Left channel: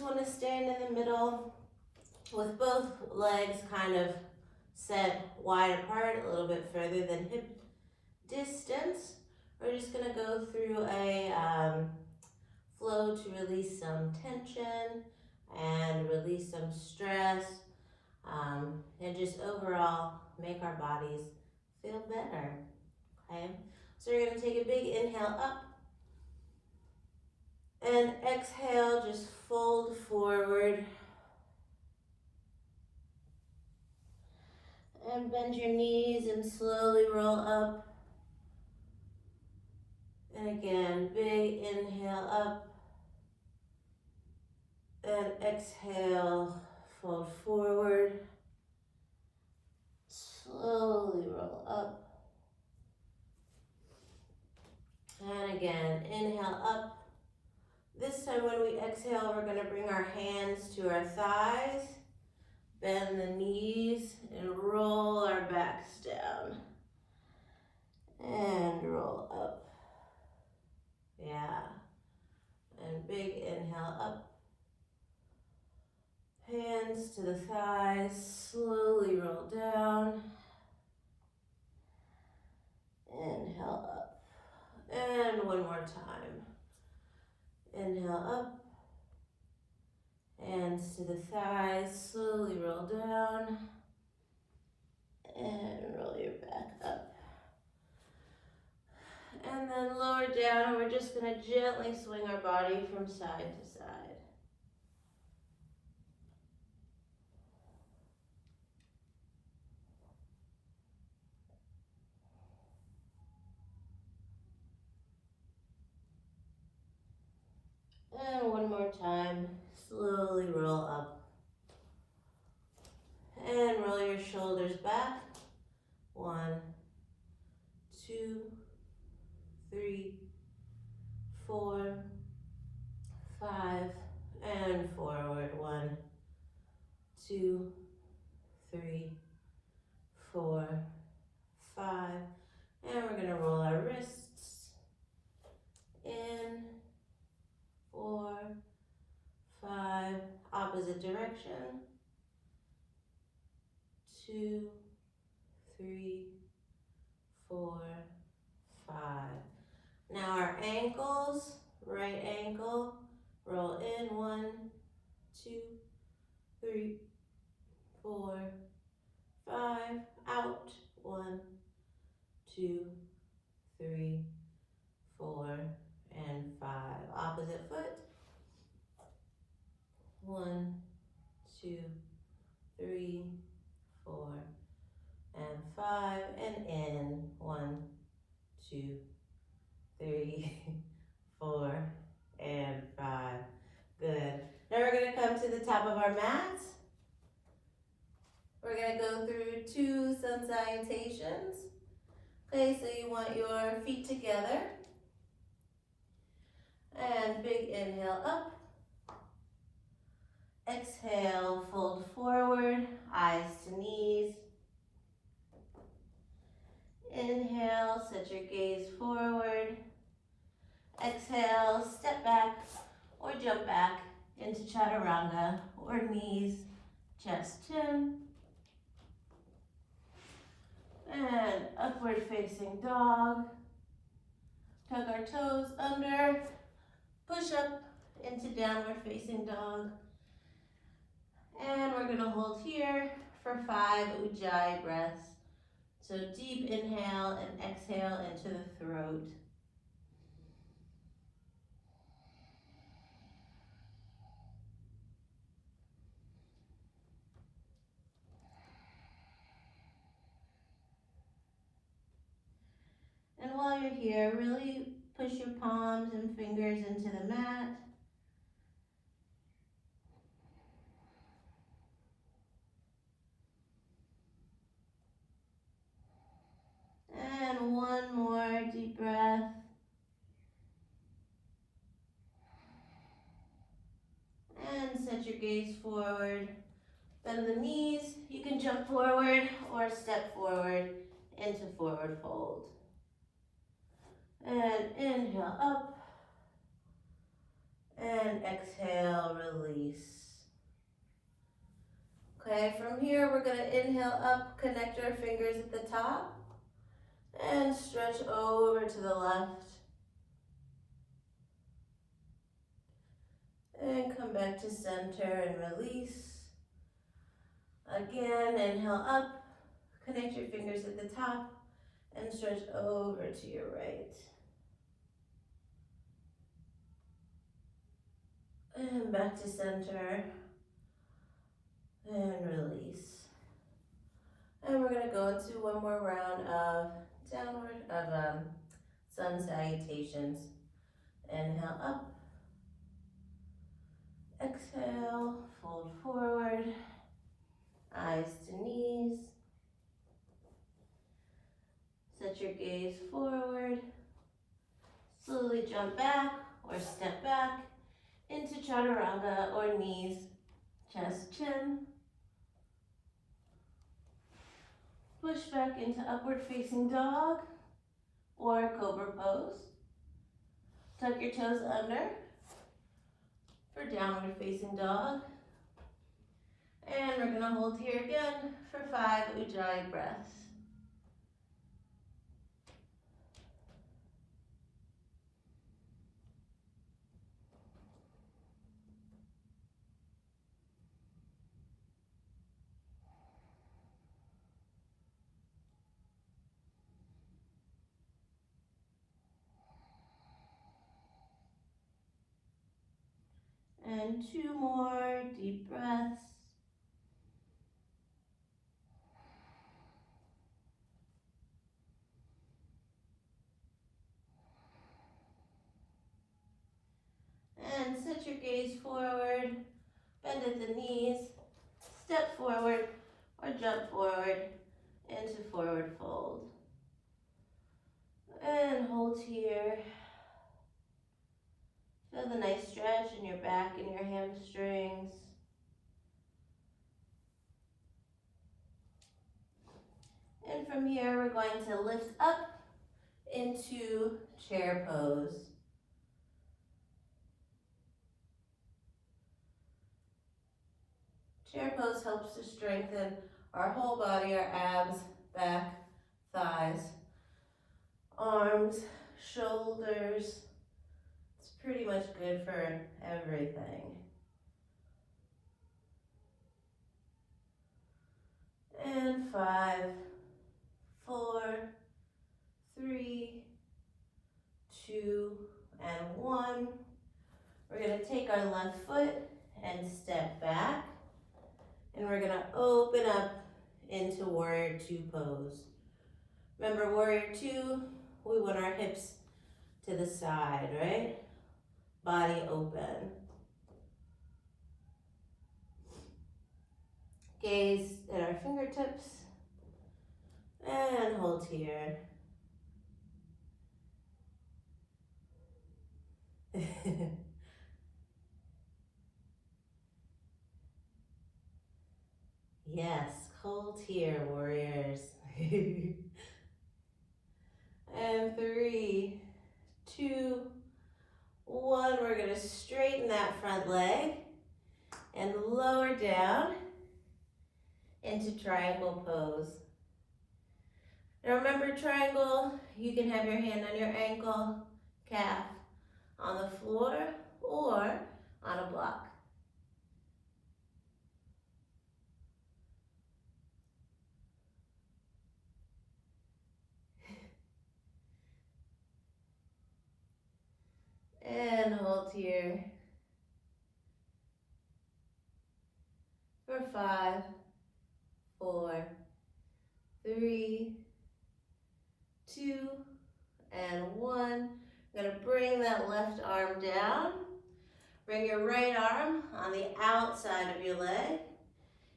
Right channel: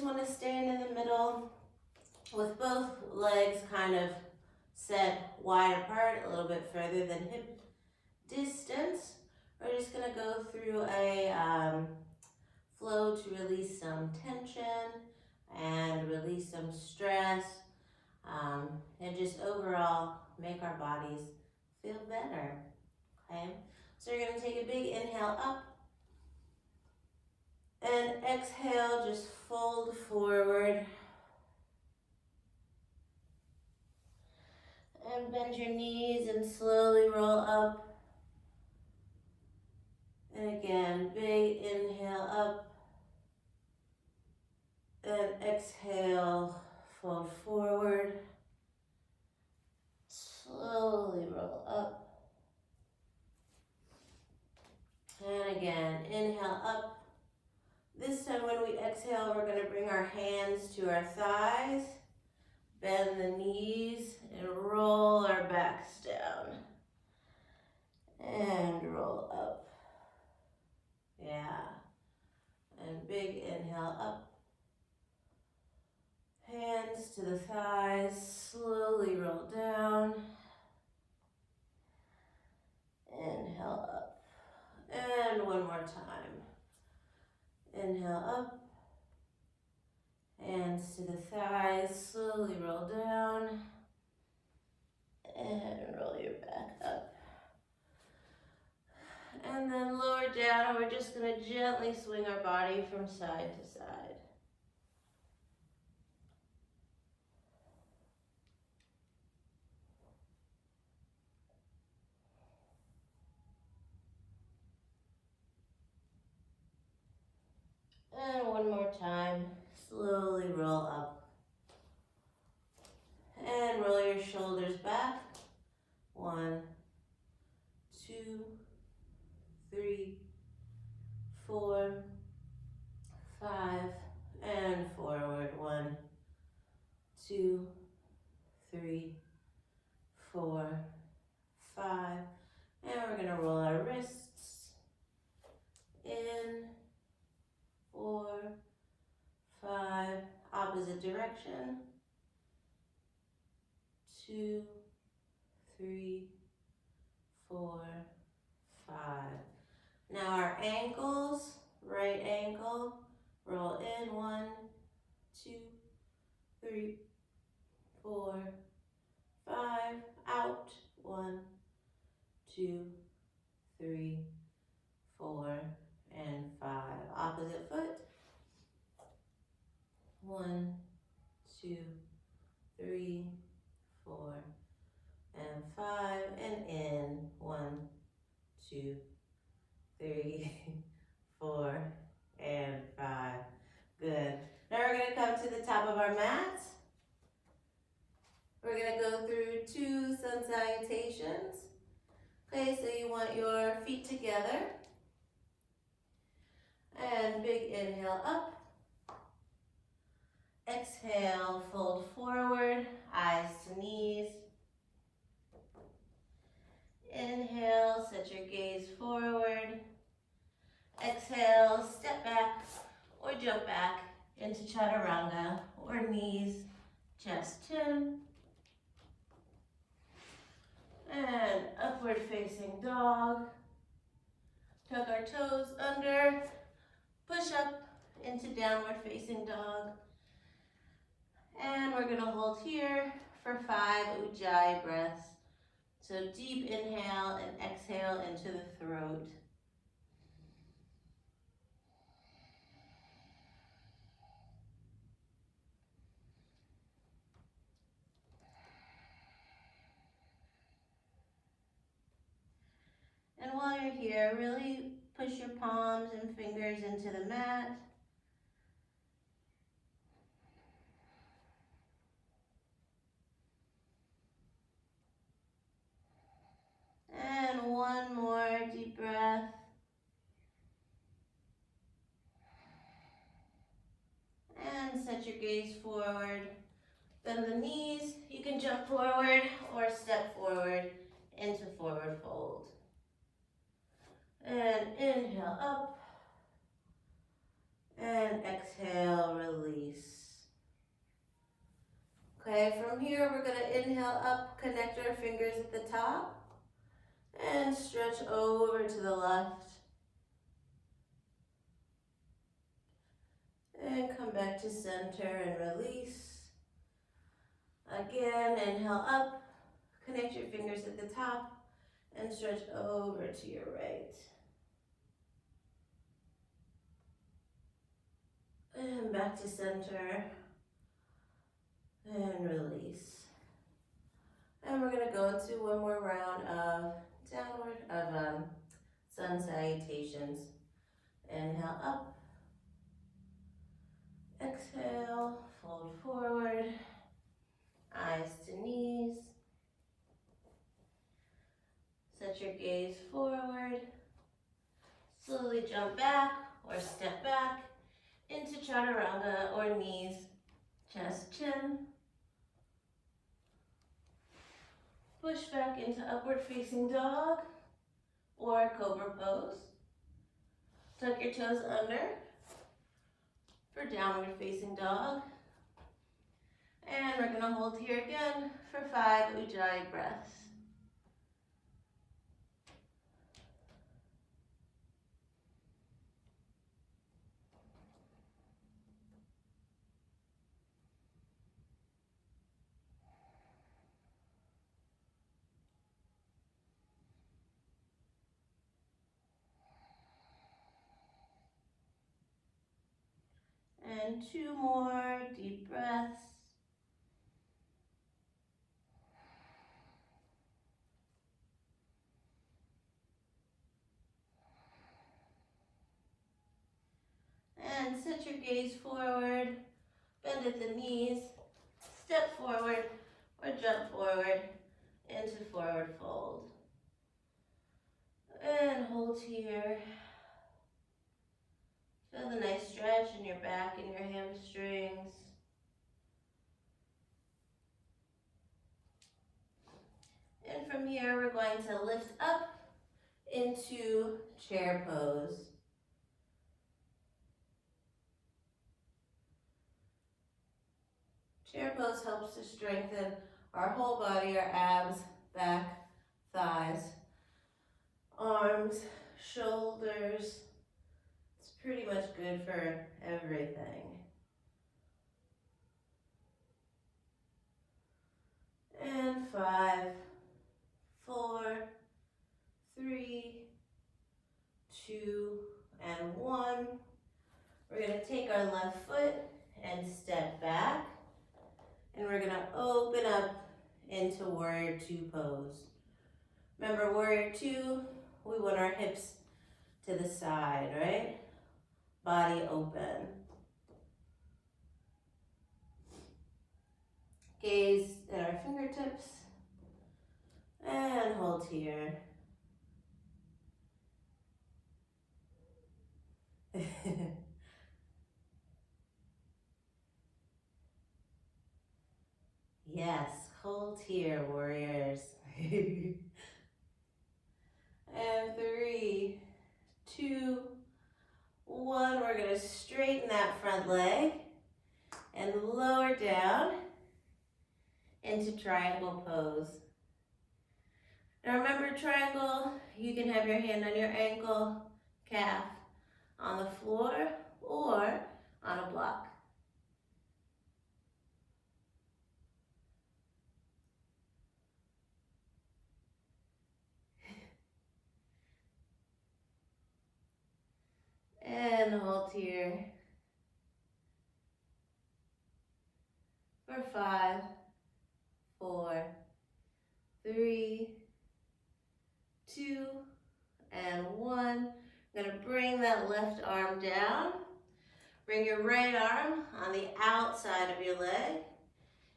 just want to stand in the middle with both legs kind of set wide apart, a little bit further than hip distance. We're just going to go through a flow to release some tension and release some stress, and just overall make our bodies feel better, okay? So you're going to take a big inhale up, and exhale, just fold forward. And bend your knees and slowly roll up. And again, big inhale up. And exhale, fold forward. Slowly roll up. And again, inhale up. This time when we exhale, we're going to bring our hands to our thighs, bend the knees, and roll our backs down. And roll up. Yeah. And big inhale up. Hands to the thighs, slowly roll down. Inhale up. And one more time. Inhale up. Hands to the thighs, slowly roll down. And roll your back up. And then lower down, and we're just going to gently swing our body from side to side. And one more time, slowly roll up. And roll your shoulders back. 1, 2, 3, 4, 5, and forward. 1, 2, 3, 4, 5. And we're going to roll our wrists in. 4, 5, opposite direction. 2, 3, 4, 5. Now our ankles, right ankle, roll in. 1, 2, 3, 4, 5, out. 1, 2, 3, 4, and 5. Opposite foot. 1, 2, 3, 4, and 5, and in. 1, 2, 3, 4, and 5. Good. Now we're going to come to the top of our mats. We're going to go through 2 sun salutations. Okay, so you want your feet together. And big inhale up. Exhale, fold forward, eyes to knees. Inhale, set your gaze forward. Exhale, step back or jump back into chaturanga or knees, chest, chin. And upward facing dog. Tuck our toes under. Push up into downward facing dog. And we're going to hold here for 5 Ujjayi breaths. So deep inhale and exhale into the throat. And while you're here, really push your palms and fingers into the mat. And one more deep breath. And set your gaze forward. Bend the knees. You can jump forward or step forward into forward fold. And inhale up. And exhale, release. Okay, from here we're gonna inhale up, connect our fingers at the top, and stretch over to the left. And come back to center and release. Again, inhale up, connect your fingers at the top, and stretch over to your right. And back to center, and release. And we're gonna go into one more round of sun salutations. Inhale up, exhale, fold forward, eyes to knees. Set your gaze forward, slowly jump back or step back into chaturanga or knees, chest, chin. Push back into upward facing dog or cobra pose. Tuck your toes under for downward facing dog. And we're gonna hold here again for 5 Ujjayi breaths. And 2 more deep breaths. And set your gaze forward, bend at the knees, step forward or jump forward into forward fold. And hold here. Feel the nice stretch in your back and your hamstrings. And from here, we're going to lift up into chair pose. Chair pose helps to strengthen our whole body, our abs, back, thighs, arms, shoulders. It's pretty much good for everything. And 5, 4, 3, 2, and 1. We're gonna take our left foot and step back. And we're gonna open up into Warrior 2 pose. Remember, Warrior 2, we want our hips to the side, right? Body open. Gaze at our fingertips and hold here. Yes, hold here, warriors. And 3, 2, 1. We're gonna straighten that front leg and lower down into triangle pose. Now remember, triangle, you can have your hand on your ankle, calf on the floor, or on a block. And hold here for 5, 4, 3, 2, and 1. I'm gonna bring that left arm down. Bring your right arm on the outside of your leg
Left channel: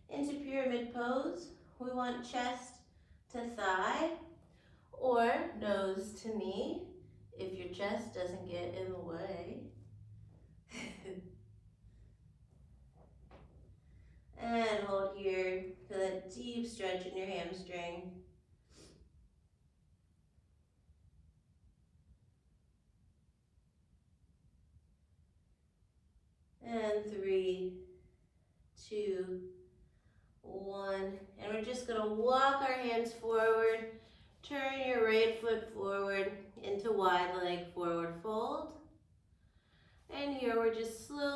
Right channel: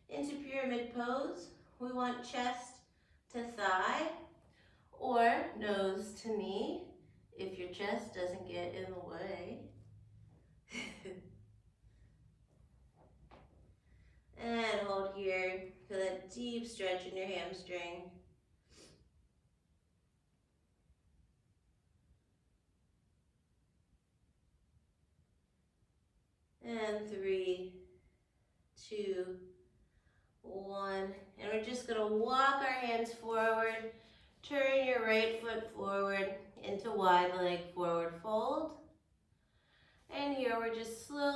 into pyramid pose. We want chest to thigh or nose to knee if your chest doesn't get in the way. And hold here, feel that deep stretch in your hamstring. And 3, 2,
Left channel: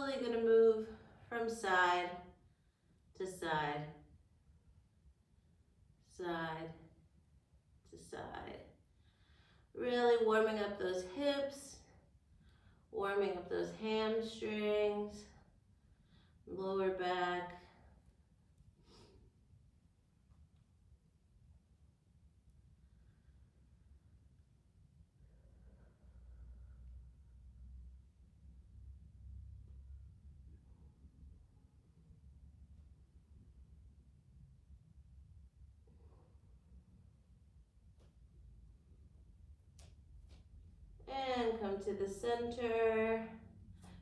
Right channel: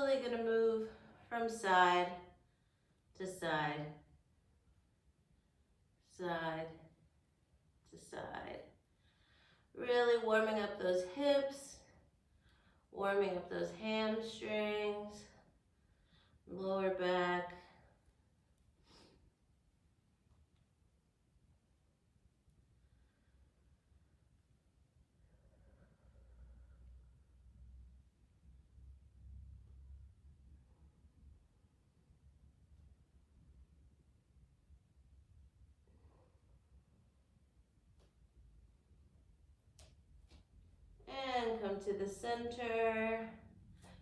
slowly gonna move from side to side, side to side. Really warming up those hips, warming up those hamstrings, lower back. And come to the center.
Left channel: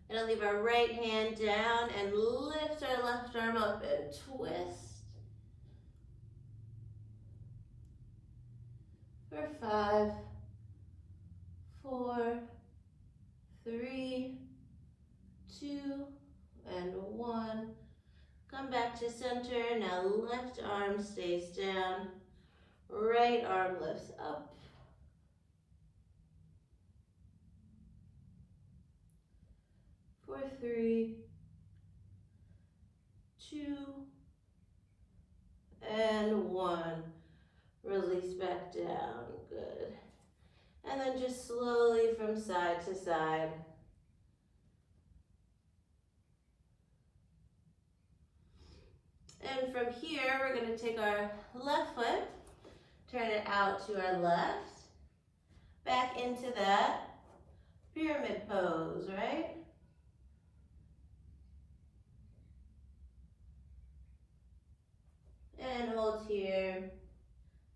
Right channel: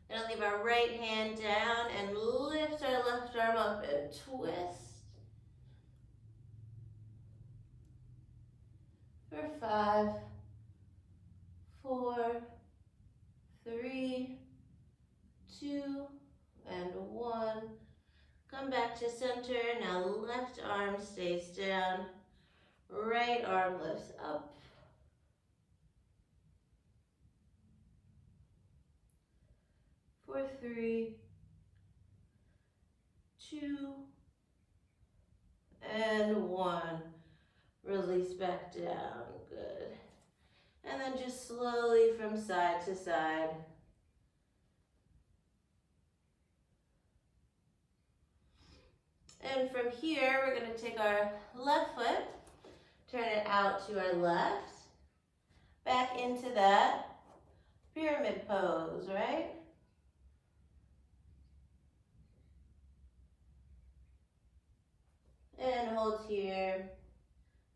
And leave our right hand down and lift our left arm up and twist. For 5, 4, 3, 2, and 1. Come back to center. Now left arm stays down. Right arm lifts up. For 3, 2, and 1. Release back down. Good. And then just slowly from side to side. And from here, we're going to take our left foot, turn it out to our left, back into that pyramid pose, right? And hold here,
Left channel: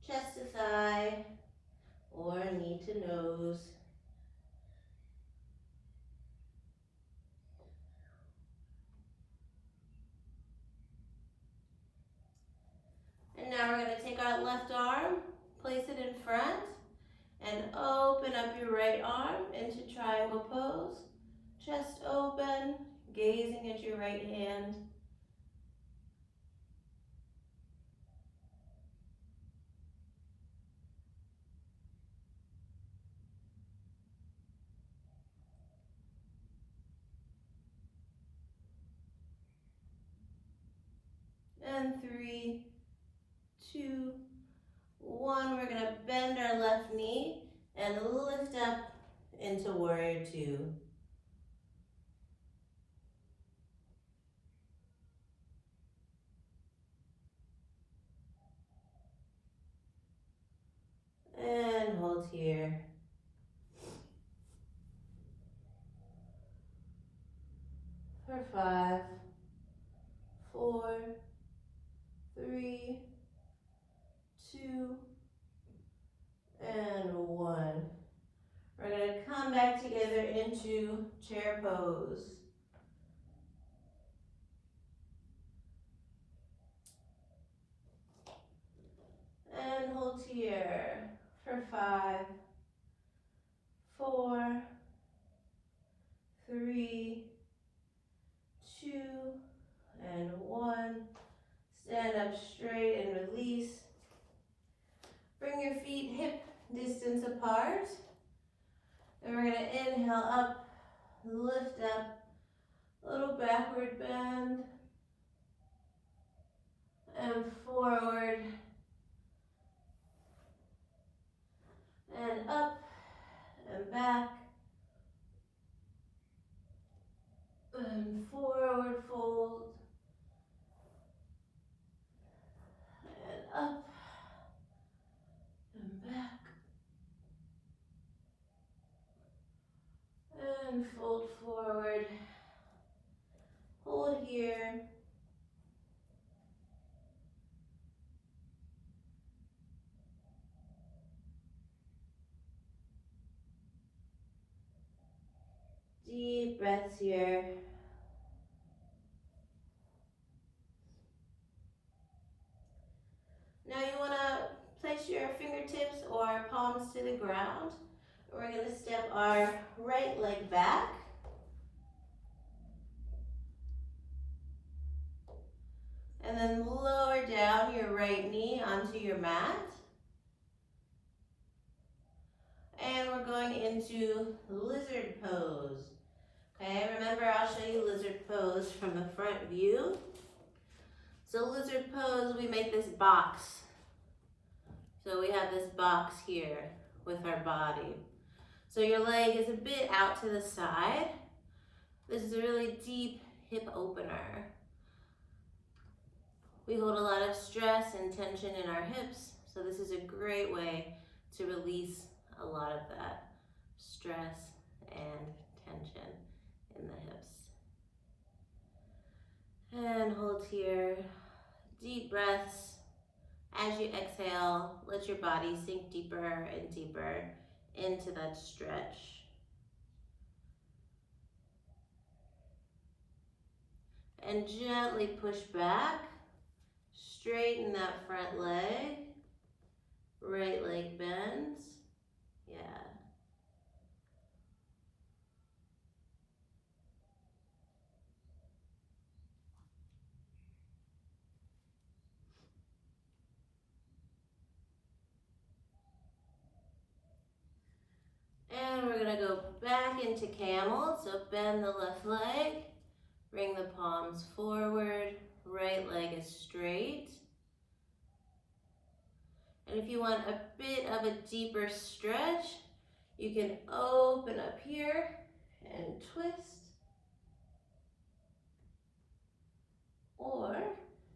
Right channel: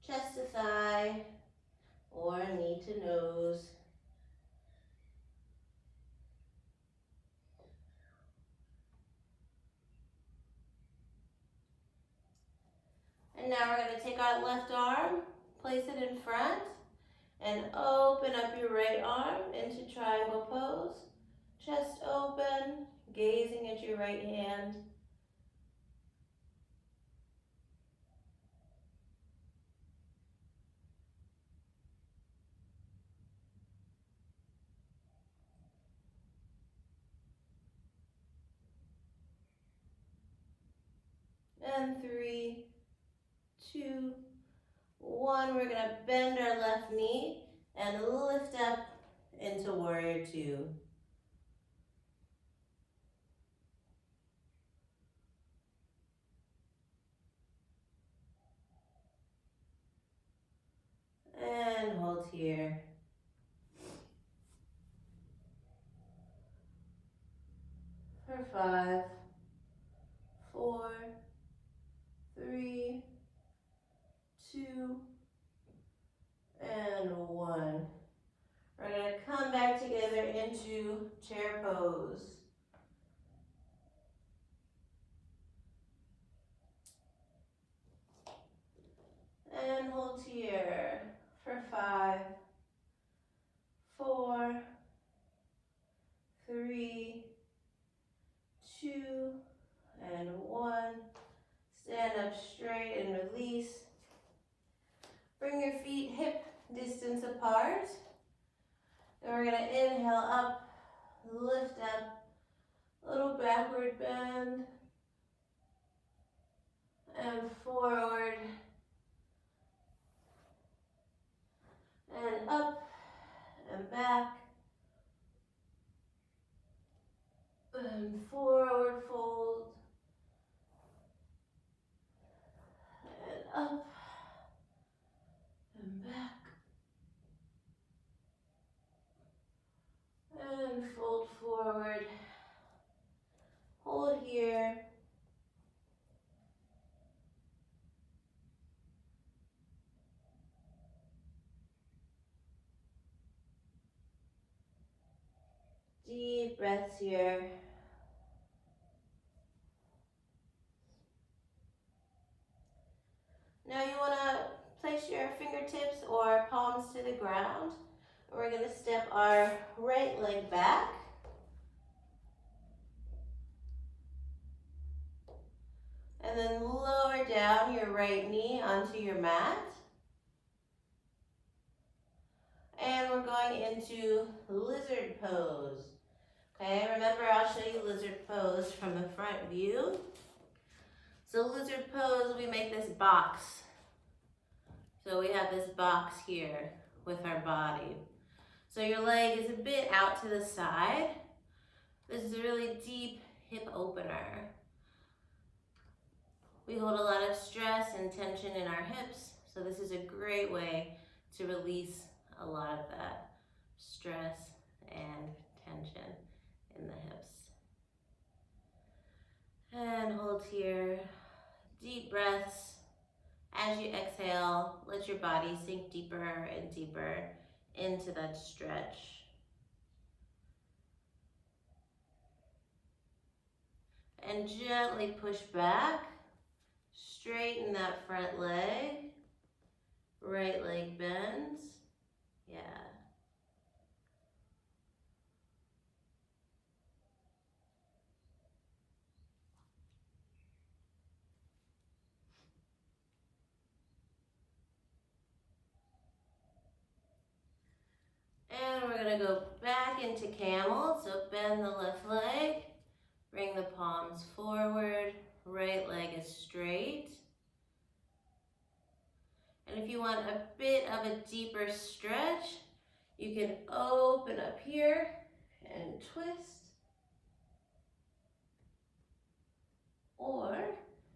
chest to thigh, or knee to nose. And now we're going to take our left arm, place it in front, and open up your right arm into triangle pose. Chest open, gazing at your right hand. And 3, 2, 1. We're going to bend our left knee and lift up into warrior 2. And hold here. For 5, 4, 3, 2, and 1. We're going to come back together into chair pose. And hold here for 5, 4, 3, 2, and 1. Stand up straight and release. Bring your feet hip distance apart. And we're going to inhale up, lift up, little backward bend, and forward, and up, and back, and forward fold, and up, and back, and fold forward. Hold here. Deep breaths here. Now you want to place your fingertips or palms to the ground. We're going to step our right leg back. And then lower down your right knee onto your mat. And we're going into lizard pose. Okay, remember I'll show you lizard pose from a front view. So lizard pose, we make this box. So we have this box here with our body. So your leg is a bit out to the side. This is a really deep hip opener. We hold a lot of stress and tension in our hips, so this is a great way to release a lot of that stress and tension in the hips. And hold here. Deep breaths. As you exhale, let your body sink deeper and deeper into that stretch. And gently push back. Straighten that front leg. Right leg bends. Yeah. And we're gonna go back into camel. So bend the left leg, bring the palms forward, right leg is straight. And if you want a bit of a deeper stretch, you can open up here and twist. Or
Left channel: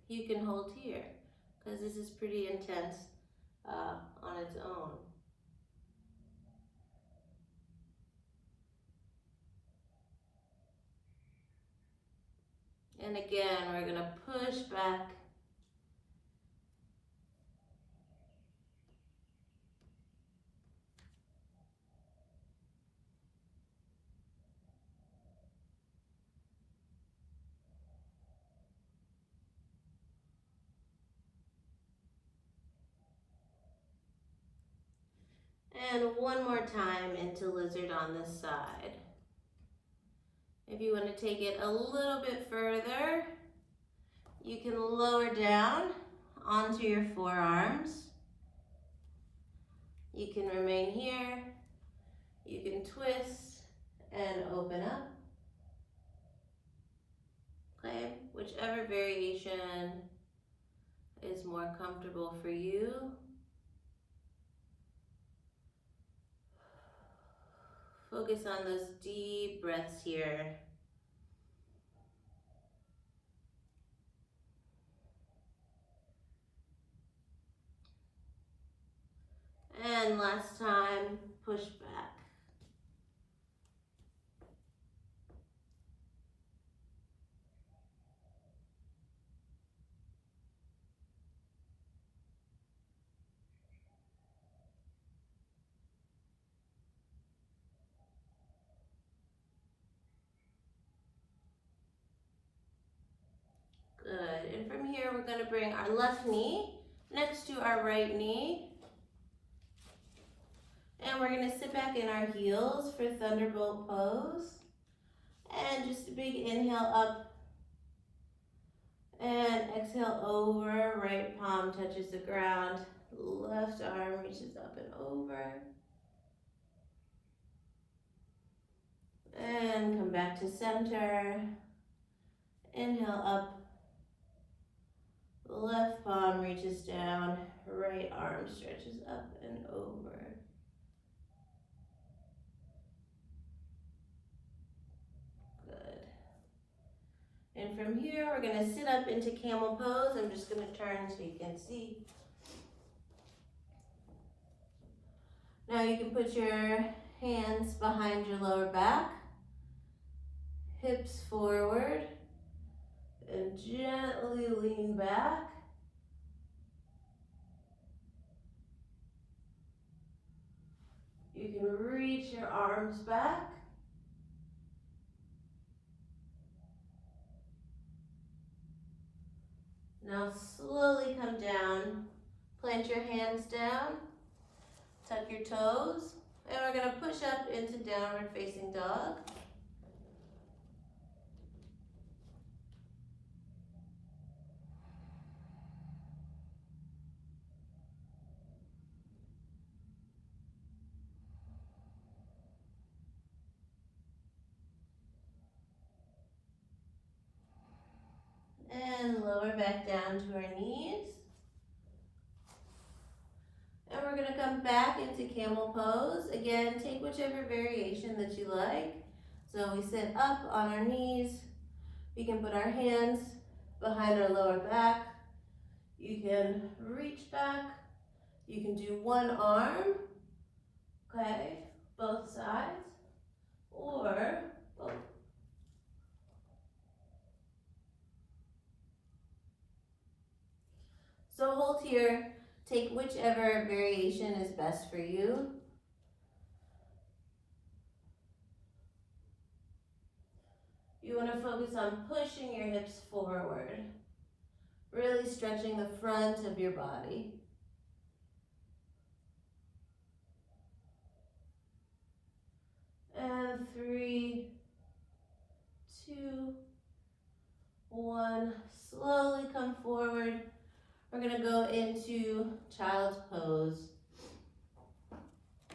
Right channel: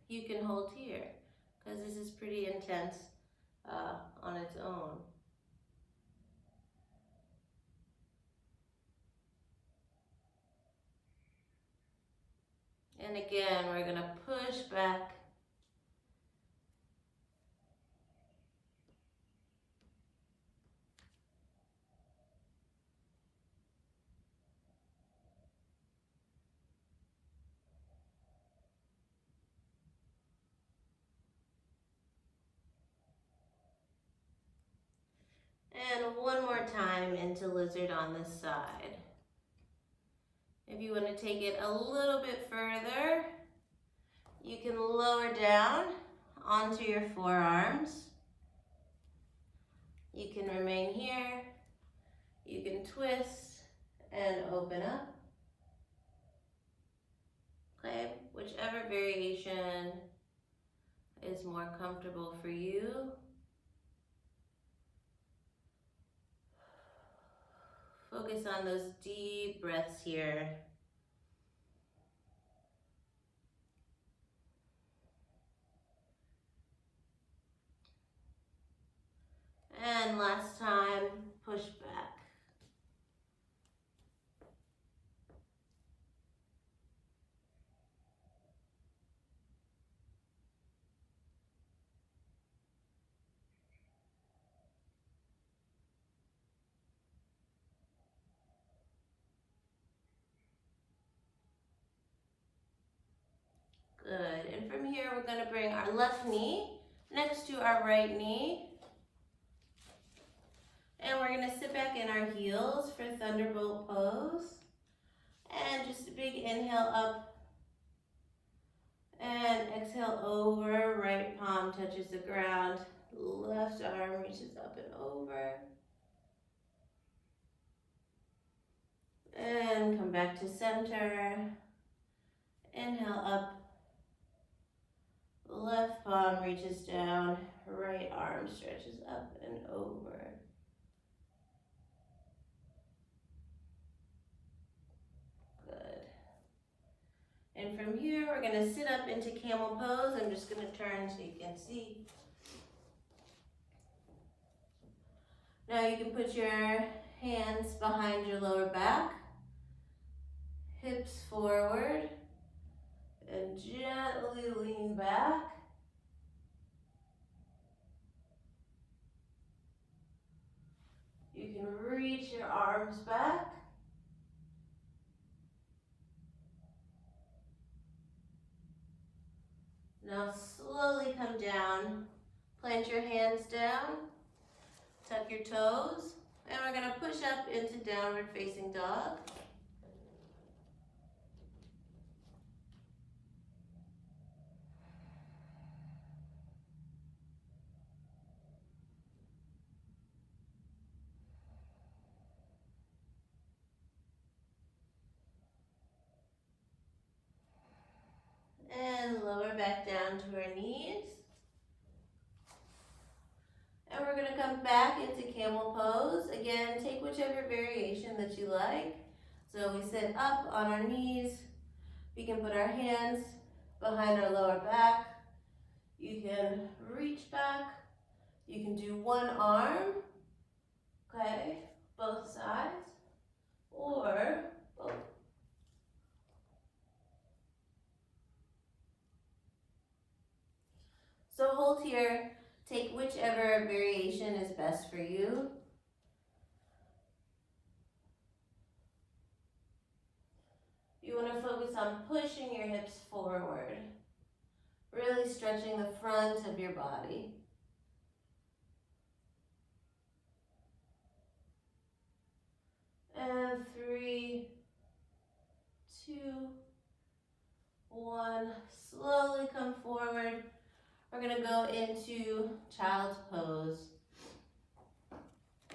you can hold here, because this is pretty intense on its own. And again, we're gonna push back. And one more time into lizard on this side. If you want to take it a little bit further, you can lower down onto your forearms. You can remain here. You can twist and open up. Okay, whichever variation is more comfortable for you. Focus on those deep breaths here. And last time, push back. Good, and from here we're gonna bring our left knee next to our right knee. And we're gonna sit back in our heels for Thunderbolt Pose. And just a big inhale up. And exhale over, right palm touches the ground. Left arm reaches up and over. And come back to center. Inhale up. Left palm reaches down, right arm stretches up and over. Good. And from here, we're gonna sit up into Camel Pose. I'm just gonna turn so you can see. Now you can put your hands behind your lower back, hips forward, and gently lean back. You can reach your arms back. Now slowly come down, plant your hands down, tuck your toes, and we're gonna push up into downward facing dog. And lower back down to our knees. And we're gonna come back into Camel Pose. Again, take whichever variation that you like. So we sit up on our knees. We can put our hands behind our lower back. You can reach back. You can do one arm, okay, both sides, or both. So hold here, take whichever variation is best for you. You want to focus on pushing your hips forward, really stretching the front of your body. And 3, 2, 1. Slowly come forward. We're gonna go into Child's Pose.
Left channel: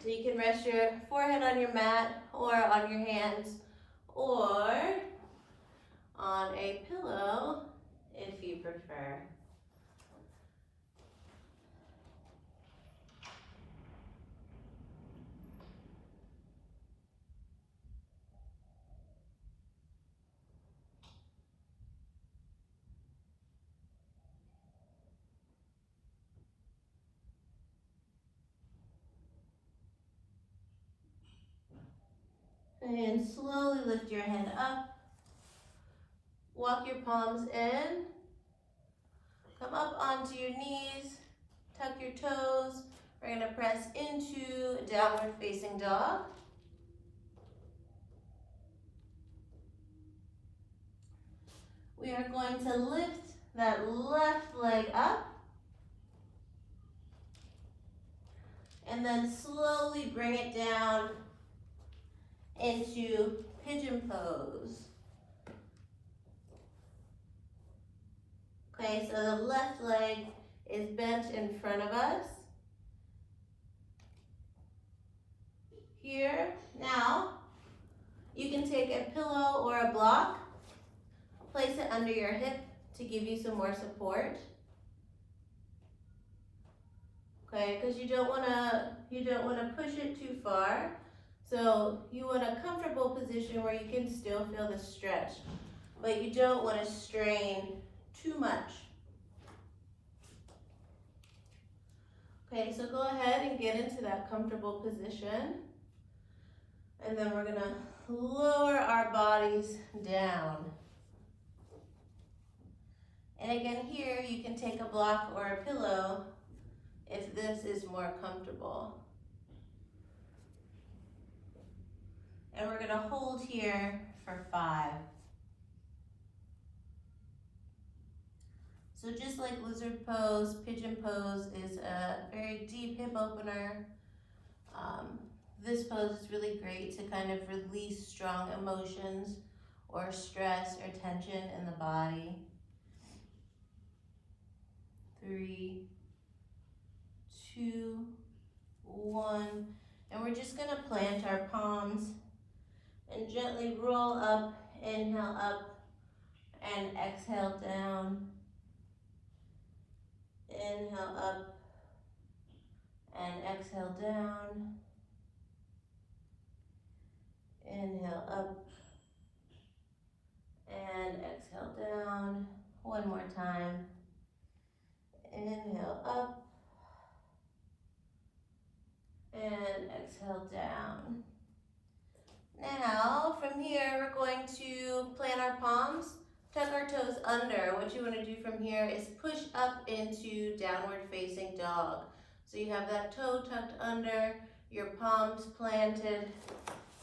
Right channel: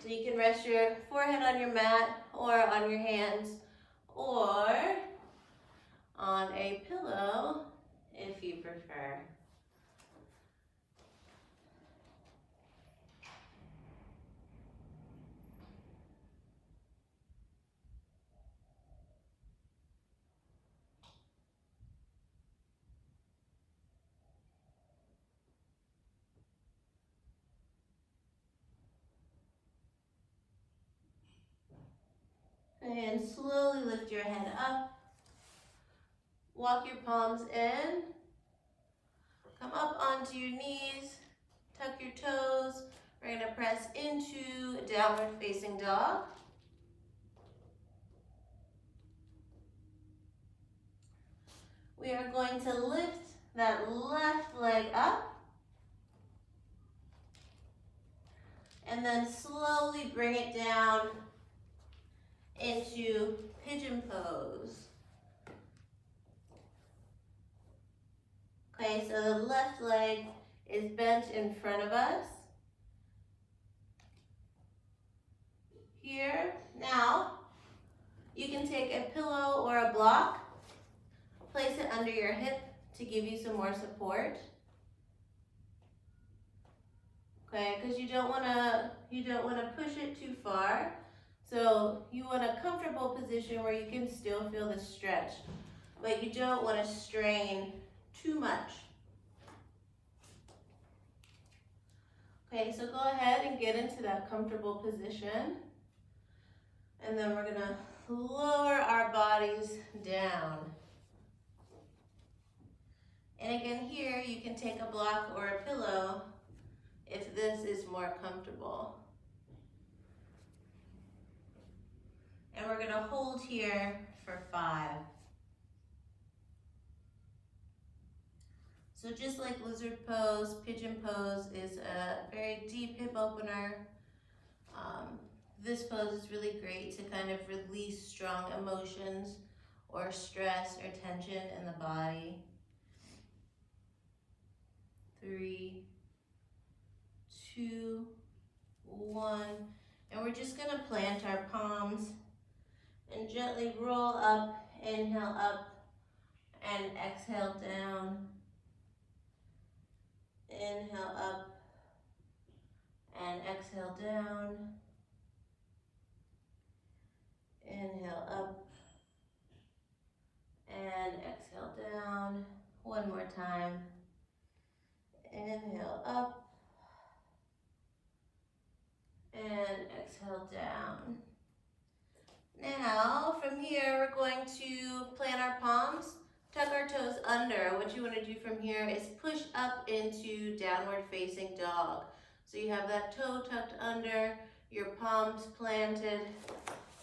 So you can rest your forehead on your mat or on your hands or on a pillow if you prefer. And slowly lift your head up. Walk your palms in. Come up onto your knees. Tuck your toes. We're going to press into downward facing dog. We are going to lift that left leg up. And then slowly bring it down into Pigeon Pose. Okay, so the left leg is bent in front of us. Here, now, you can take a pillow or a block, place it under your hip to give you some more support. Okay, because you don't want to push it too far. So you want a comfortable position where you can still feel the stretch, but you don't want to strain too much. Okay, so go ahead and get into that comfortable position. And then we're gonna lower our bodies down. And again, here you can take a block or a pillow if this is more comfortable. And we're gonna hold here for 5. So just like Lizard Pose, Pigeon Pose is a very deep hip opener. This pose is really great to kind of release strong emotions or stress or tension in the body. 3, 2, 1. And we're just gonna plant our palms and gently roll up, inhale up, and exhale down. Inhale up, and exhale down. Inhale up, and exhale down. One more time. Inhale up, and exhale down. Now, from here, we're going to plant our palms, tuck our toes under. What you want to do from here is push up into downward facing dog. So you have that toe tucked under, your palms planted,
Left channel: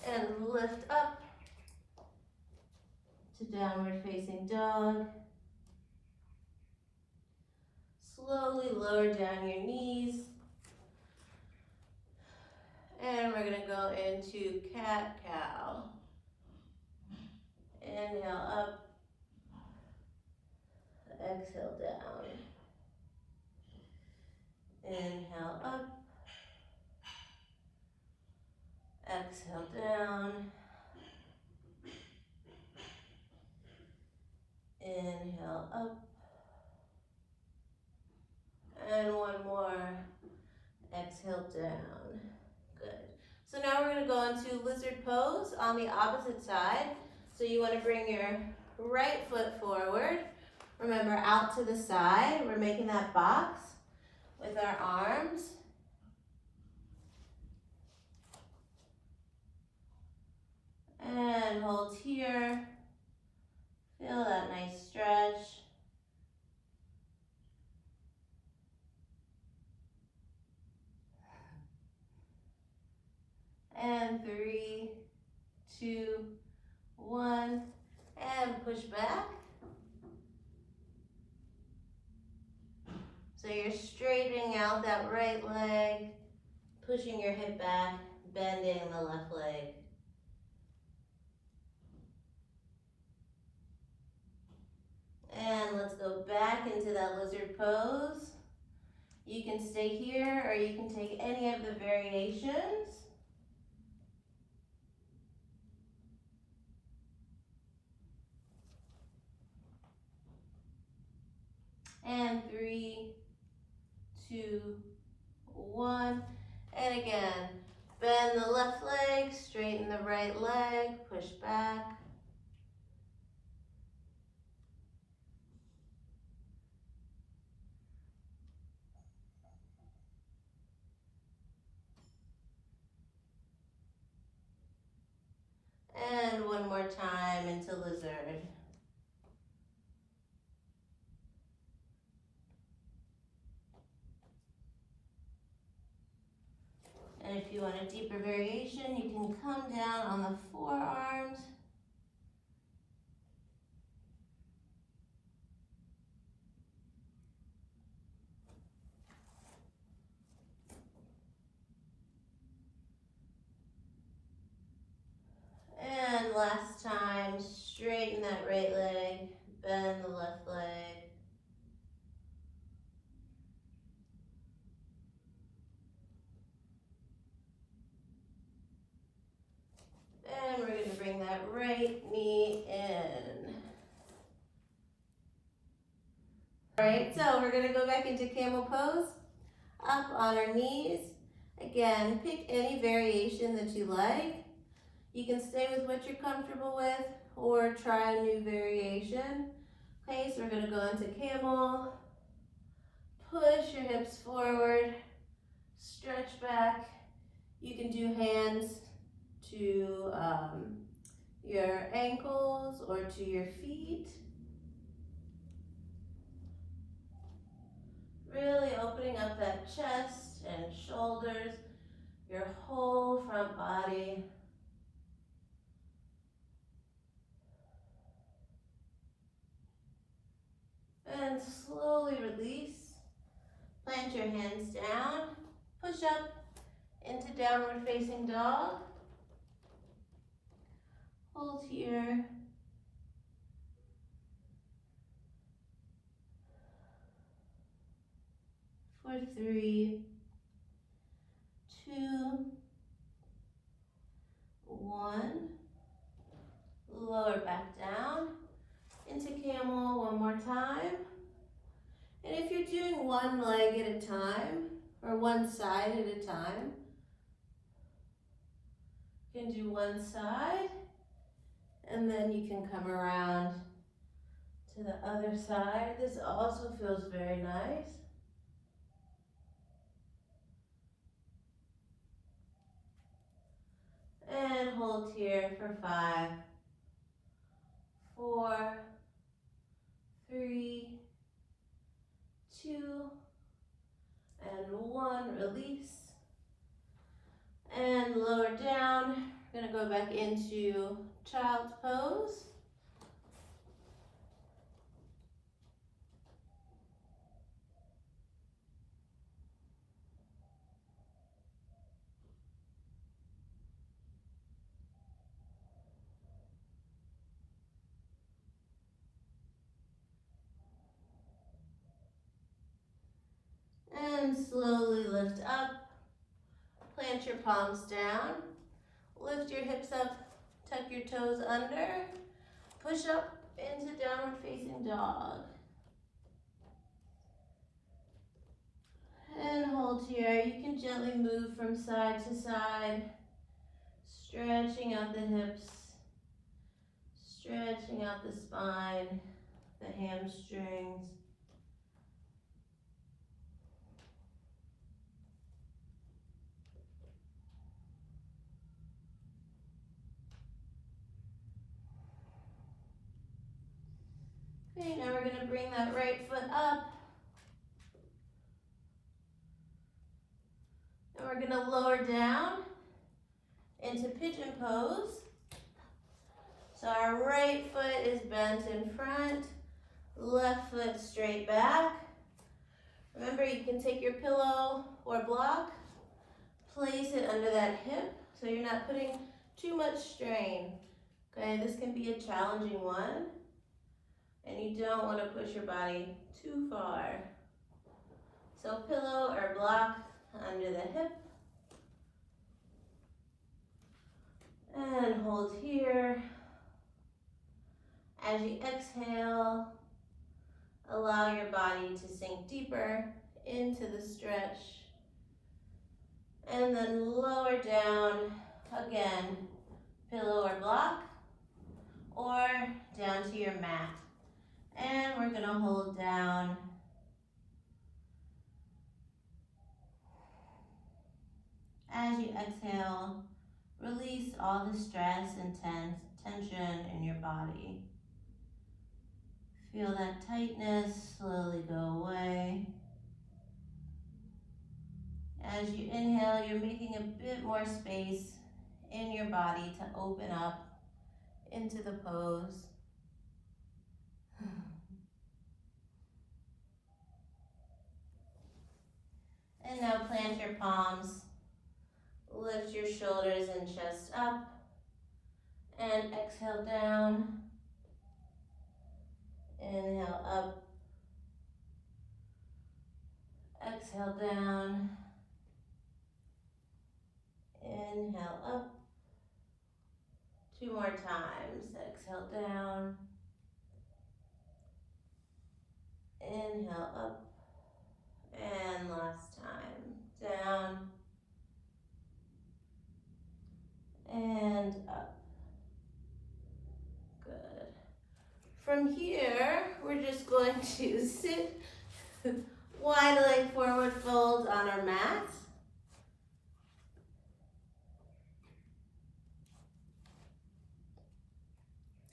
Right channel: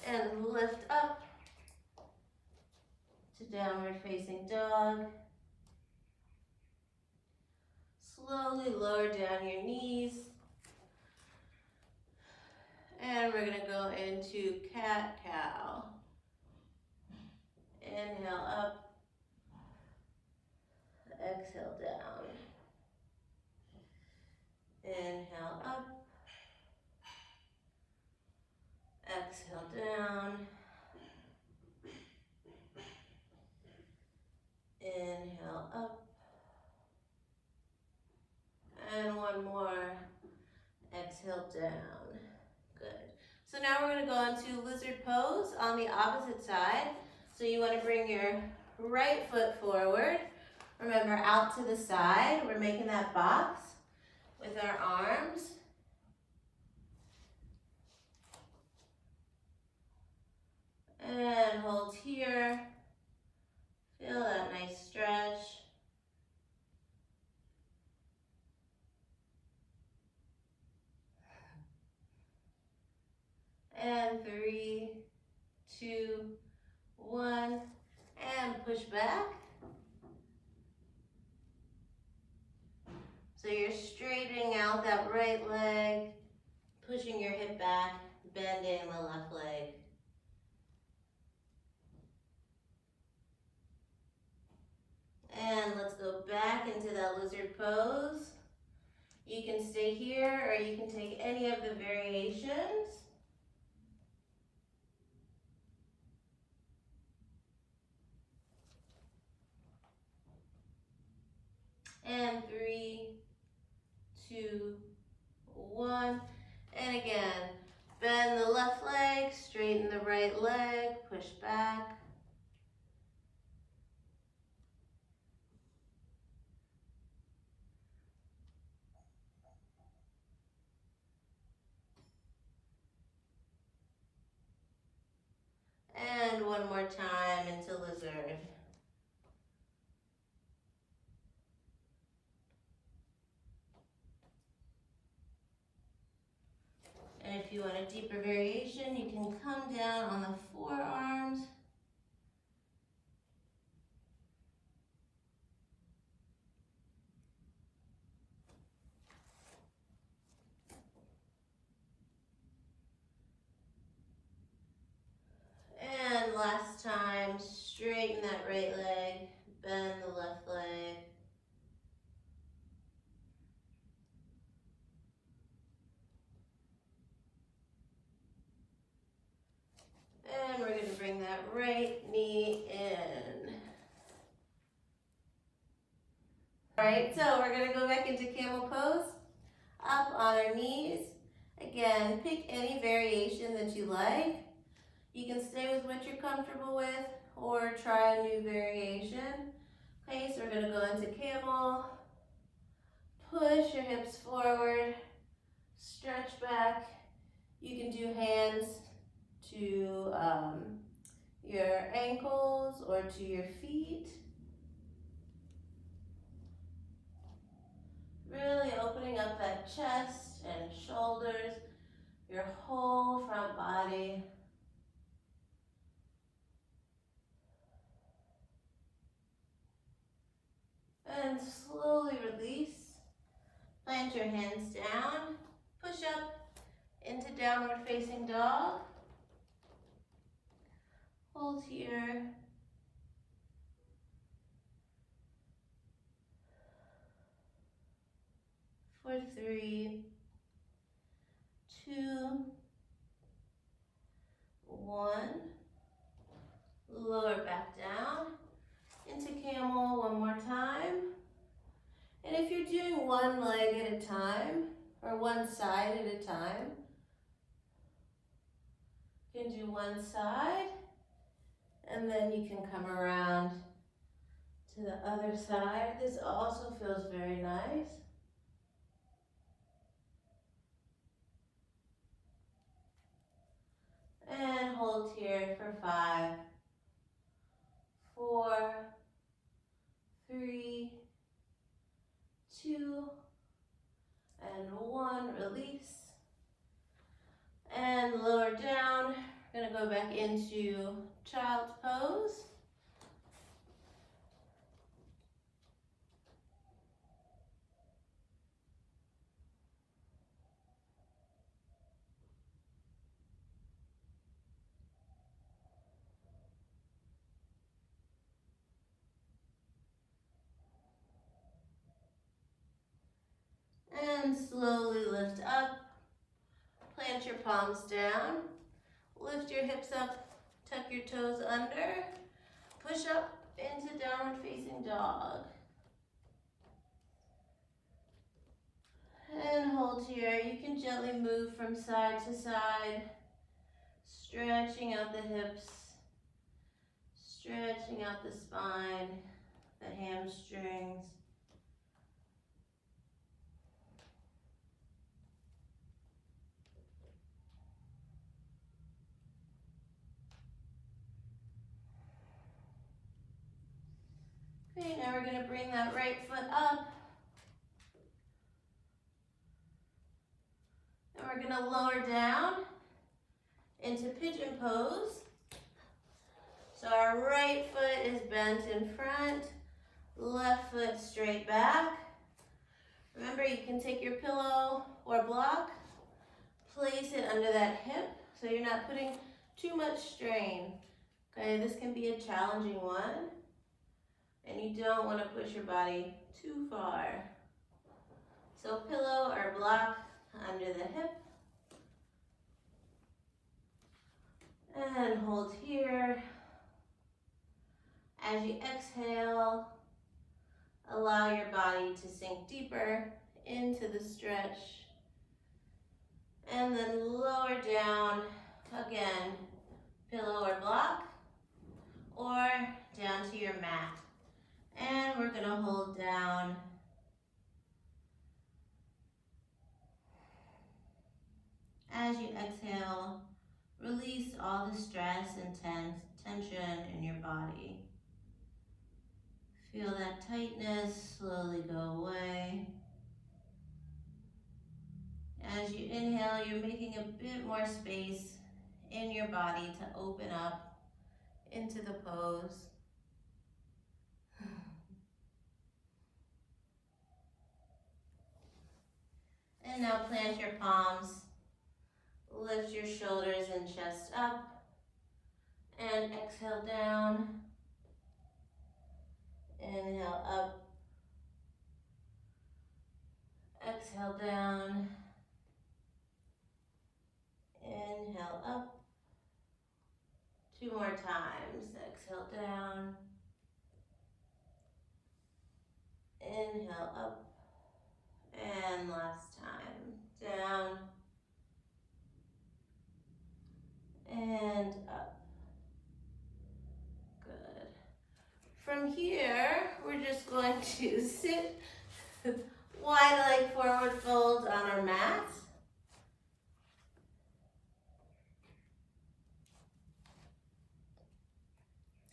and lift up to downward facing dog. Slowly lower down your knees. And we're gonna go into cat-cow. Inhale up, exhale down. Inhale up, exhale down. Inhale up, we're gonna go into lizard pose on the opposite side. So you wanna bring your right foot forward. Remember, out to the side. We're making that box with our arms. And hold here. Feel that nice stretch. And 3, 2, 1, and push back. So you're straightening out that right leg, pushing your hip back, bending the left leg. And let's go back into that lizard pose. You can stay here or you can take any of the variations. And 3, 2, 1. And again, bend the left leg, straighten the right leg, push back. And one more time into lizard. And if you want a deeper variation, you can come down on the forearms. And last time, straighten that right leg, bend the left leg. And we're going to bring that right knee in. All right, so we're going to go back into camel pose, up on our knees. Again, pick any variation that you like. You can stay with what you're comfortable with or try a new variation. Okay, so we're going to go into camel. Push your hips forward, stretch back. You can do hands to your ankles or to your feet. Really opening up that chest and shoulders, your whole front body. And slowly release. Plant your hands down. Push up into downward facing dog. Hold here. For 3, 2, 1. Lower back down into camel one more time. And if you're doing one leg at a time or one side at a time, you can do one side and then you can come around to the other side. This also feels very nice. And hold here for 5, 4, 3, 2, and 1. Release. And lower down. We're going to go back into child's pose. And slowly lift up, plant your palms down, lift your hips up, tuck your toes under, push up into downward facing dog. And hold here. You can gently move from side to side, Stretching out the hips, stretching out the spine, the hamstrings. Okay, now we're going to bring that right foot up. And we're going to lower down into Pigeon Pose. So our right foot is bent in front, left foot straight back. Remember, you can take your pillow or block, place it under that hip so you're not putting too much strain. Okay, this can be a challenging one, and you don't want to push your body too far. So pillow or block under the hip. And hold here. As you exhale, allow your body to sink deeper into the stretch. And then lower down, again, pillow or block, or down to your mat. And we're gonna hold down. As you exhale, release all the stress and tension in your body. Feel that tightness slowly go away. As you inhale, you're making a bit more space in your body to open up into the pose. And now plant your palms, lift your shoulders and chest up, and exhale down. Inhale up, exhale down, inhale up. 2 more times, exhale down, inhale up, and last time, down, and up. Good. From here, we're just going to sit wide leg forward fold on our mat.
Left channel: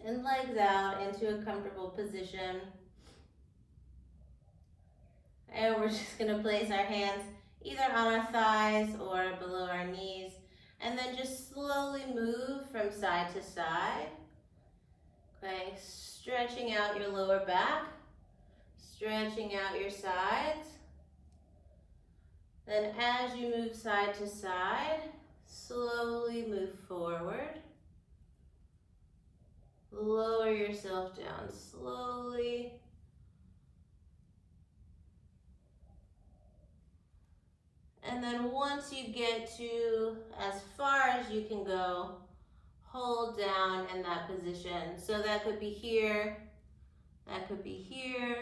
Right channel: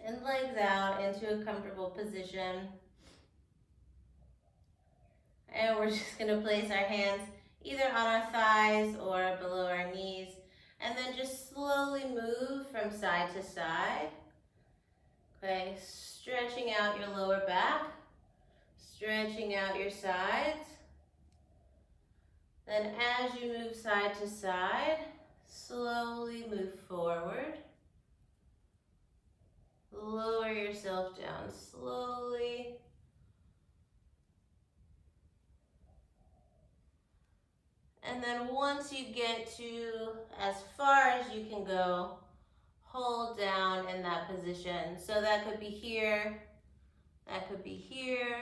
And legs out into a comfortable position. And we're just gonna place our hands either on our thighs or below our knees. And then just slowly move from side to side. Okay, stretching out your lower back, stretching out your sides. Then as you move side to side, slowly move forward. Lower yourself down slowly. And then once you get to as far as you can go, hold down in that position. So that could be here, that could be here,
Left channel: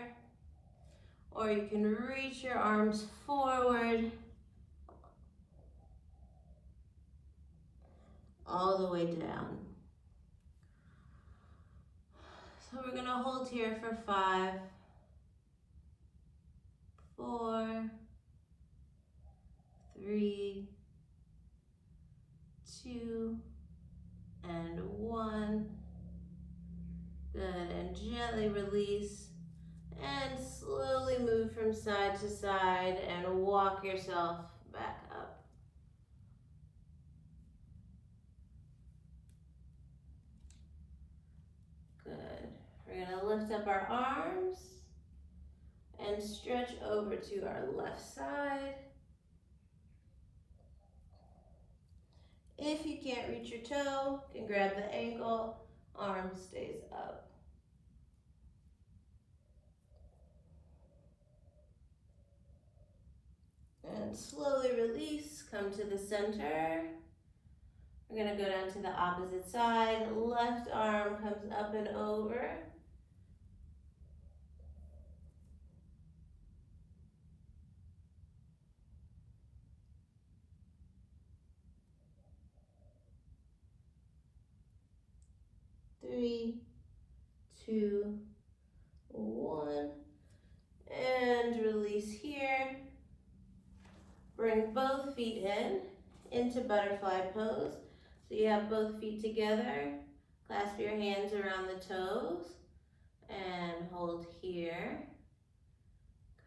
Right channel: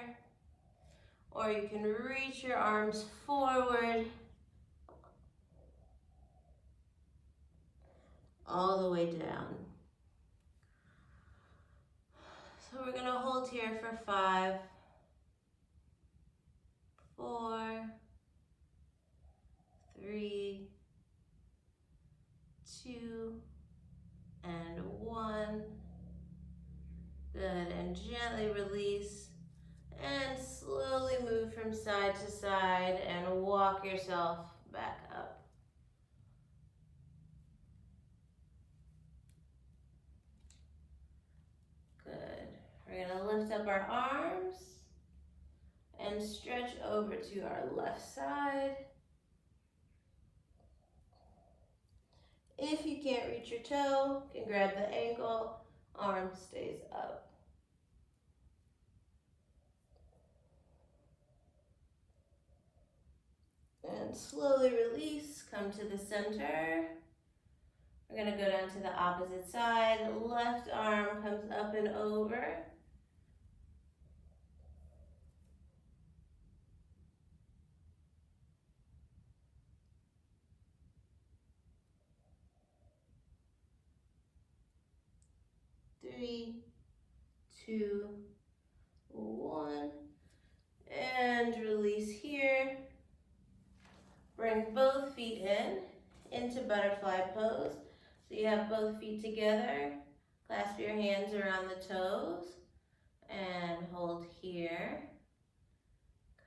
or you can reach your arms forward all the way down. So we're gonna hold here for 5, 4, 3, 2, and 1. Good, and gently release and slowly move from side to side and walk yourself back up. Good. We're gonna lift up our arms and stretch over to our left side. If you can't reach your toe, you can grab the ankle, arm stays up. And slowly release, come to the center. We're gonna go down to the opposite side. Left arm comes up and over. 3, 2, 1. And release here. Bring both feet into butterfly pose. So you have both feet together. Clasp your hands around the toes and hold here.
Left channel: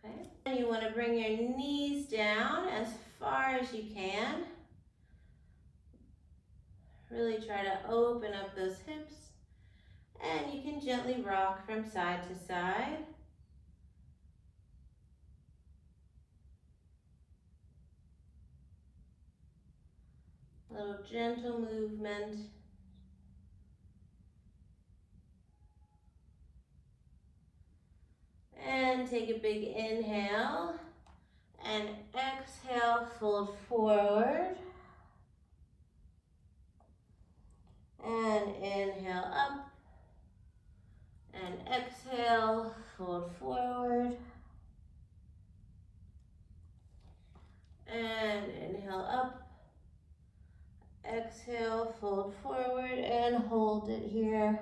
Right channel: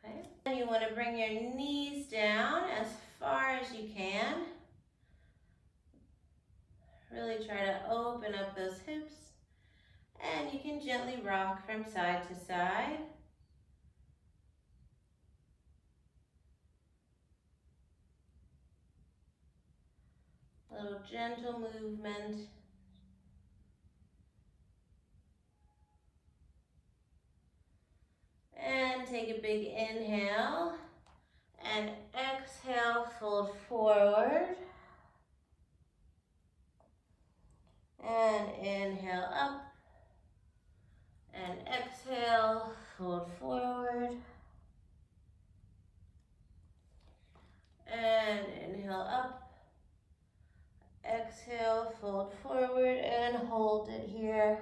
Okay. And you want to bring your knees down as far as you can. Really try to open up those hips. And you can gently rock from side to side. A little gentle movement. And take a big inhale. And exhale, fold forward. And inhale up. And exhale, fold forward. And inhale up. Exhale, fold forward and hold it here.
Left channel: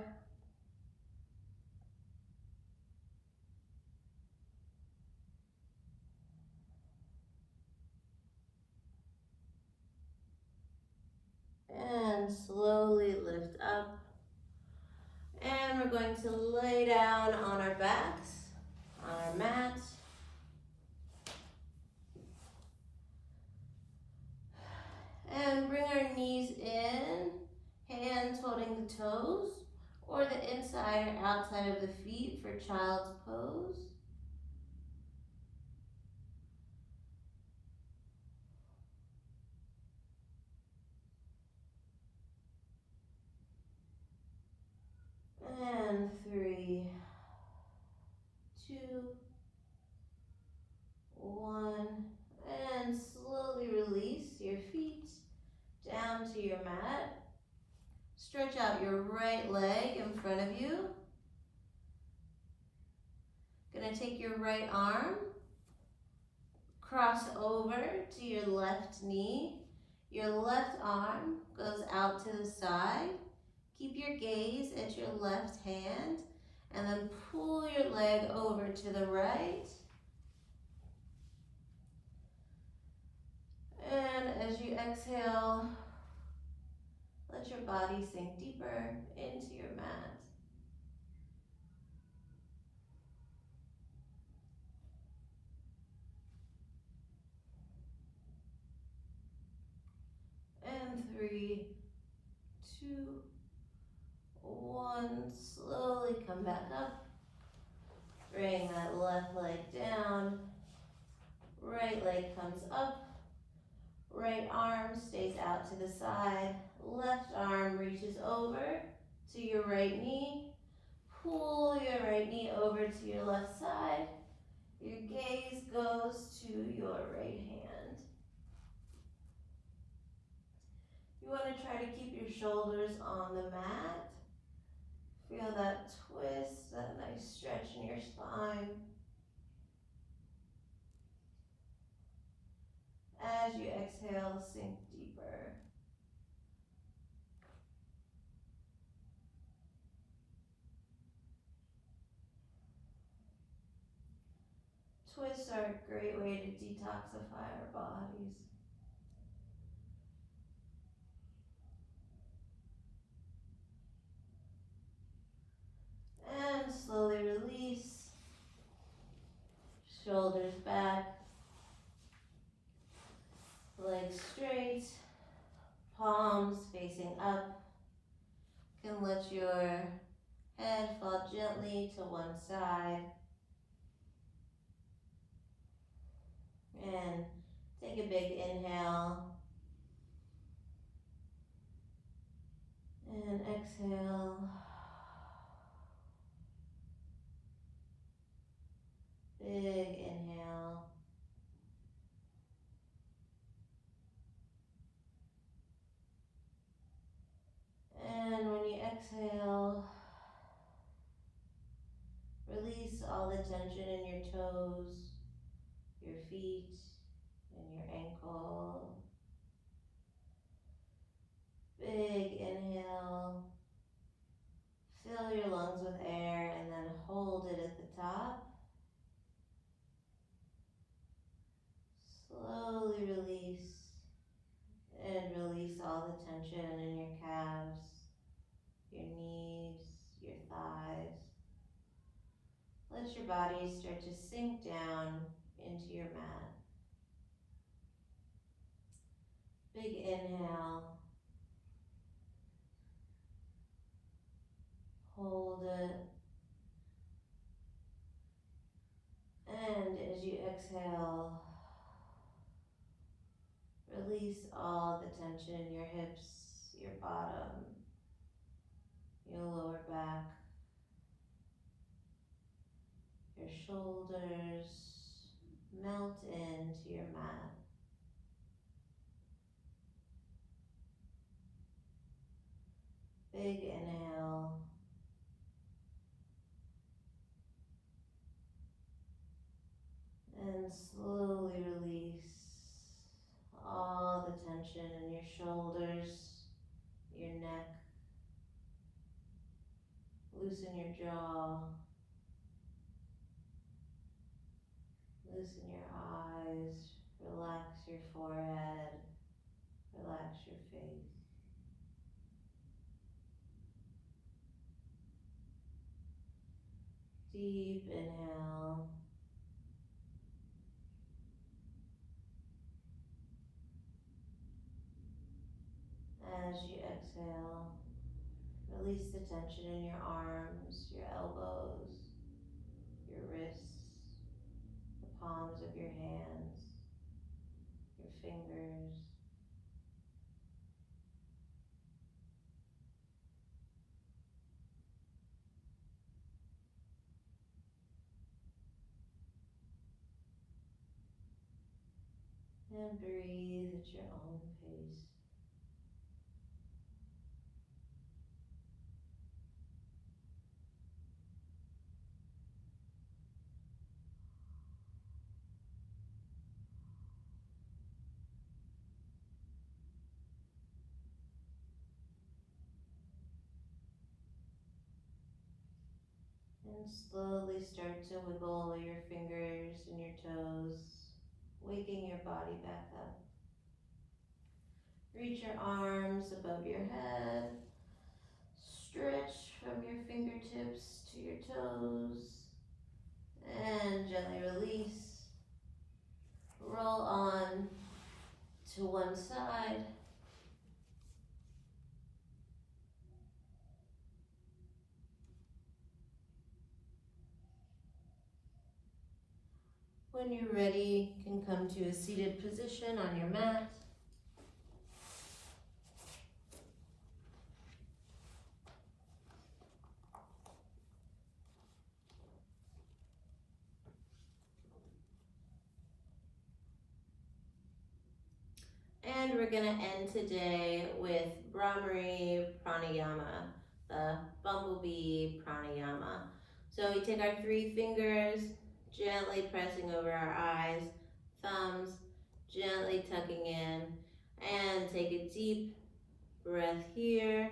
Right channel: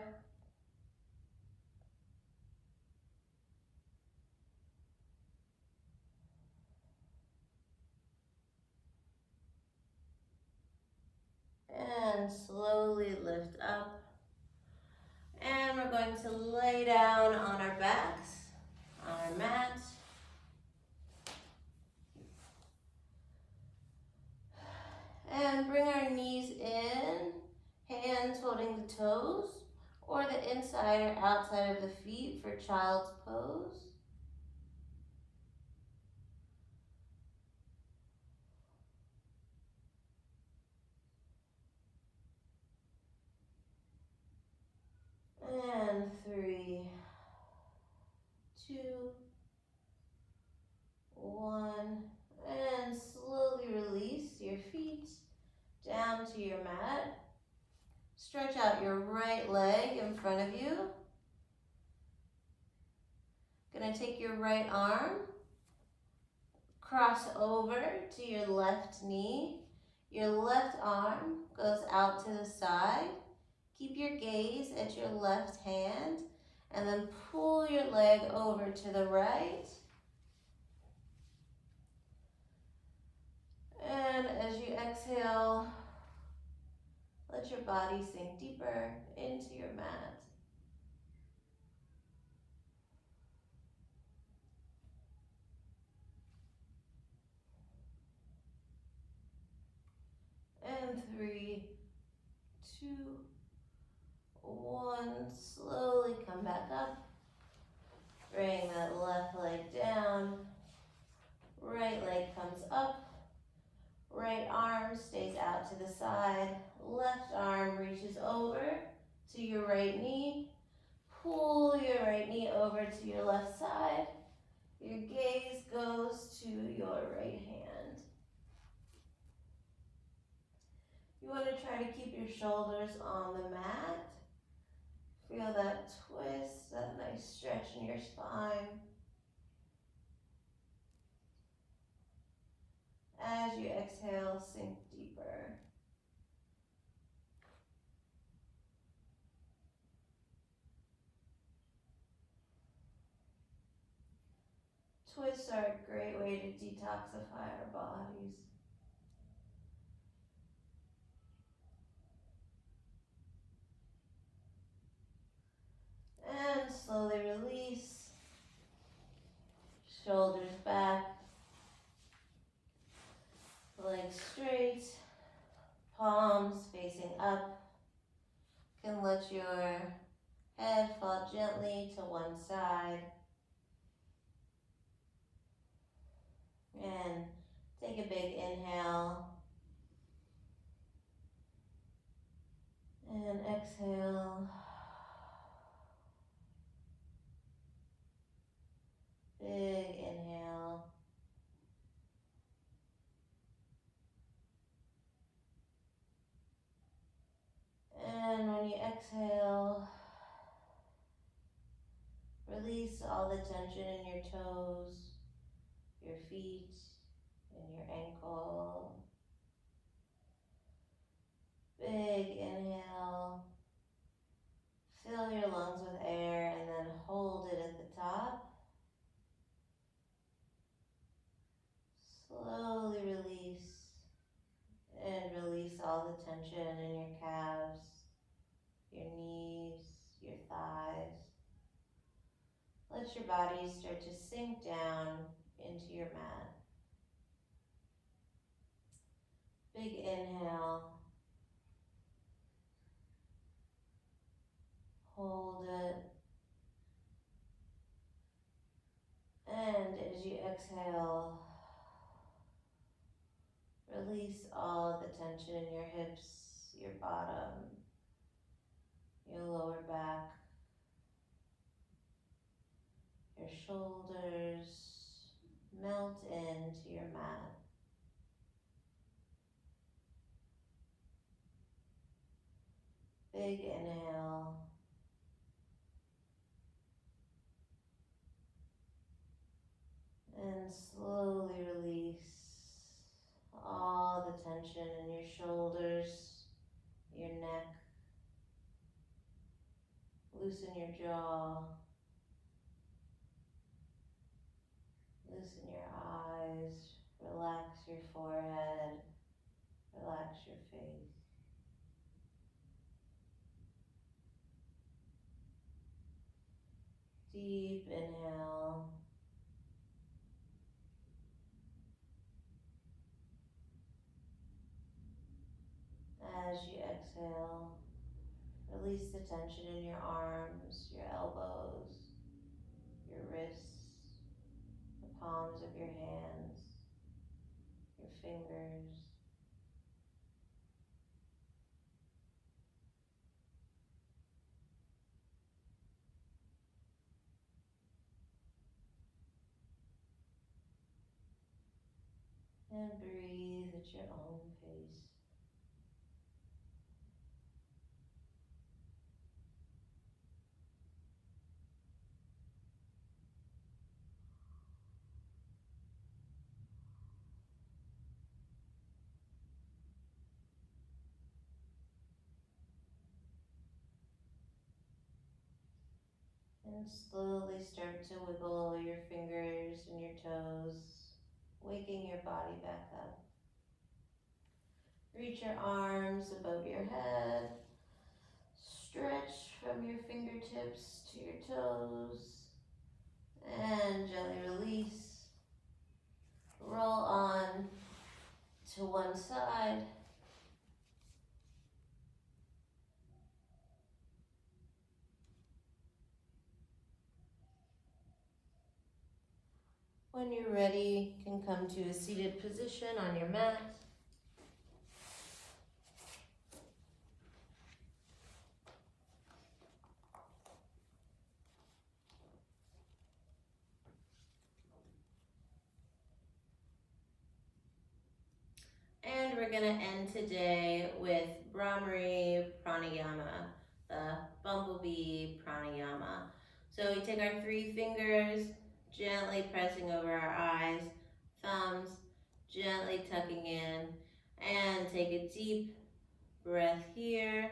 And slowly lift up. And we're going to lay down on our backs, on our mat. And bring our knees in, hands holding the toes, or the inside or outside of the feet for child's pose. And 3, 2, 1, and slowly release your feet down to your mat. Stretch out your right leg in front of you. Gonna take your right arm, cross over to your left knee. Your left arm goes out to the side. Keep your gaze at your left hand and then pull your leg over to the right. And as you exhale, let your body sink deeper into your mat. And 3, 2, 1, slowly come back up. Bring that left leg down. Right leg comes up. Right arm stays out to the side. Left arm reaches over to your right knee. Pull your right knee over to your left side. Your gaze goes to your right hand. You want to try to keep your shoulders on the mat. Feel that twist, that nice stretch in your spine. As you exhale, sink deeper. Twists are a great way to detoxify our bodies. And slowly release. Shoulders back. Legs straight. Palms facing up. You can let your head fall gently to one side. And take a big inhale. And exhale. Big inhale. And when you exhale, release all the tension in your toes, your feet, and your ankle. Big inhale. Fill your lungs with air and then hold it at the top. Slowly release and release all the tension in your calves, your knees, your thighs. Let your body start to sink down into your mat. Big inhale. Hold it. And as you exhale, release all the tension in your hips, your bottom, your lower back, your shoulders. Melt into your mat. Big inhale. And slowly release all the tension in your shoulders, your neck. Loosen your jaw. Loosen your eyes. Relax your forehead. Relax your face. Deep inhale. As you exhale, release the tension in your arms, your elbows, your wrists, the palms of your hands, your fingers. And breathe at your own pace. And slowly start to wiggle your fingers and your toes, waking your body back up. Reach your arms above your head. Stretch from your fingertips to your toes. And gently release. Roll on to one side. When you're ready, you can come to a seated position on your mat. And we're going to end today with Bhramari Pranayama, the bumblebee pranayama. So we take our 3 fingers, gently pressing over our eyes, thumbs gently tucking in, and take a deep breath here.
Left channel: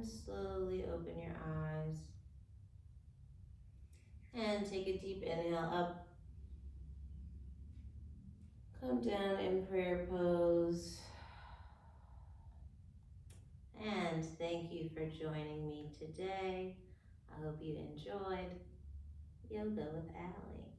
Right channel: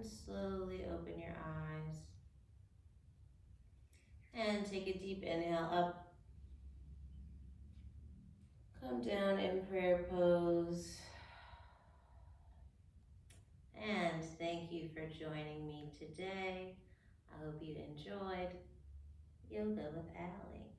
And slowly open your eyes. And take a deep inhale up. Come down in prayer pose. And thank you for joining me today. I hope you enjoyed Yoga with Allie.